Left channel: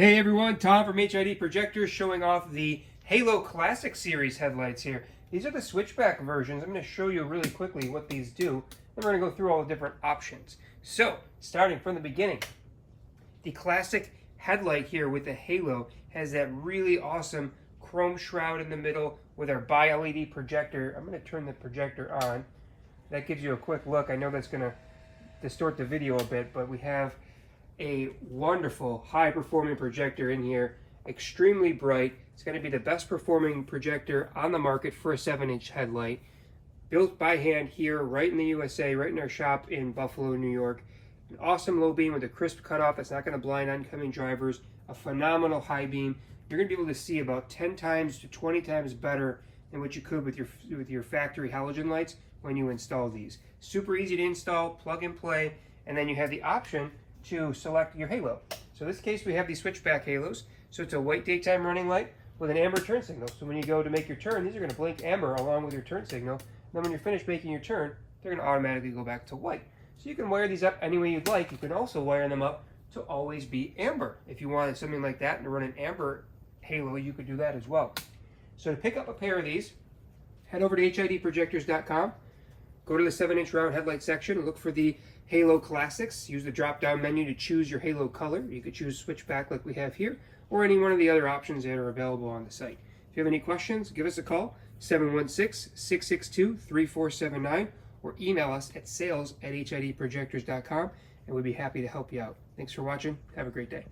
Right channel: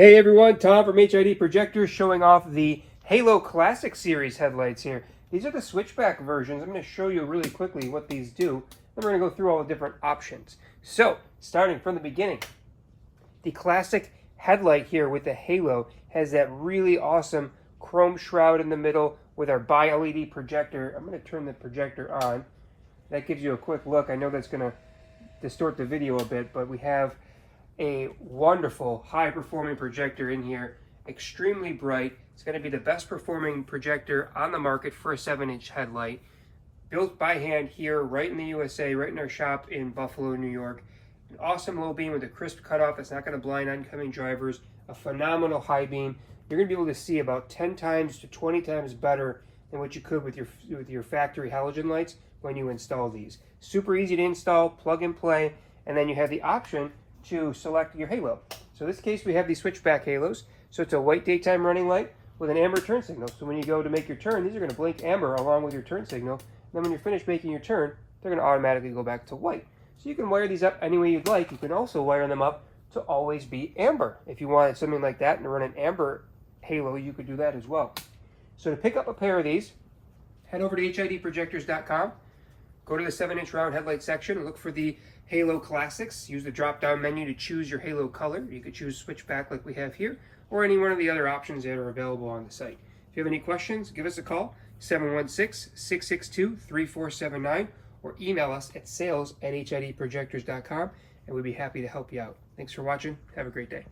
Hey everyone, Tom from HID Projectors showing off the Halo Classic Series headlights here. These are the switchback versions. I'm going to show you really quickly what these do. Then we're going to go through all the different options. So, starting from the beginning, the classic headlight here with the Halo has that really awesome chrome shroud in the middle with our bi-LED projector. I'm going to turn the projector on. That gives you a quick look. I know that's going to distort the video a bit, but we have a wonderful high performing projector in here, extremely bright. It's going to be the best performing projector on the market for a 7-inch headlight, built by hand here right in the USA, right in our shop in Buffalo, New York. An awesome low beam with a crisp cutoff that's not going to blind oncoming drivers, a phenomenal high beam. You're going to be able to see about 10 times to 20 times better than what you could with your factory halogen lights when you install these. Super easy to install, plug and play, and then you have the option to select your halo. So in this case we have these switchback halos. So it's a white daytime running light with an amber turn signal. So when you go to make your turn, these are going to blink amber along with your turn signal. And then when you're finished making your turn, they're going to automatically go back to white. So you can wire these up any way you'd like. You can also wire them up to always be amber. If you wanted something like that and to run an amber halo, you could do that as well. So to pick up a pair of these, head over to HIDprojectors.com. Go to the 7-inch round headlight section and look for the Halo Classics. Use the drop-down menu to choose your halo color. You could choose switchback like we have here, or any one of the other options that are available on the site. If you have any questions, give us a call, 716-662-3479, or email us at sales@HIDprojectors.com, and we'd be happy to help you out. Thanks for watching. Have a great day.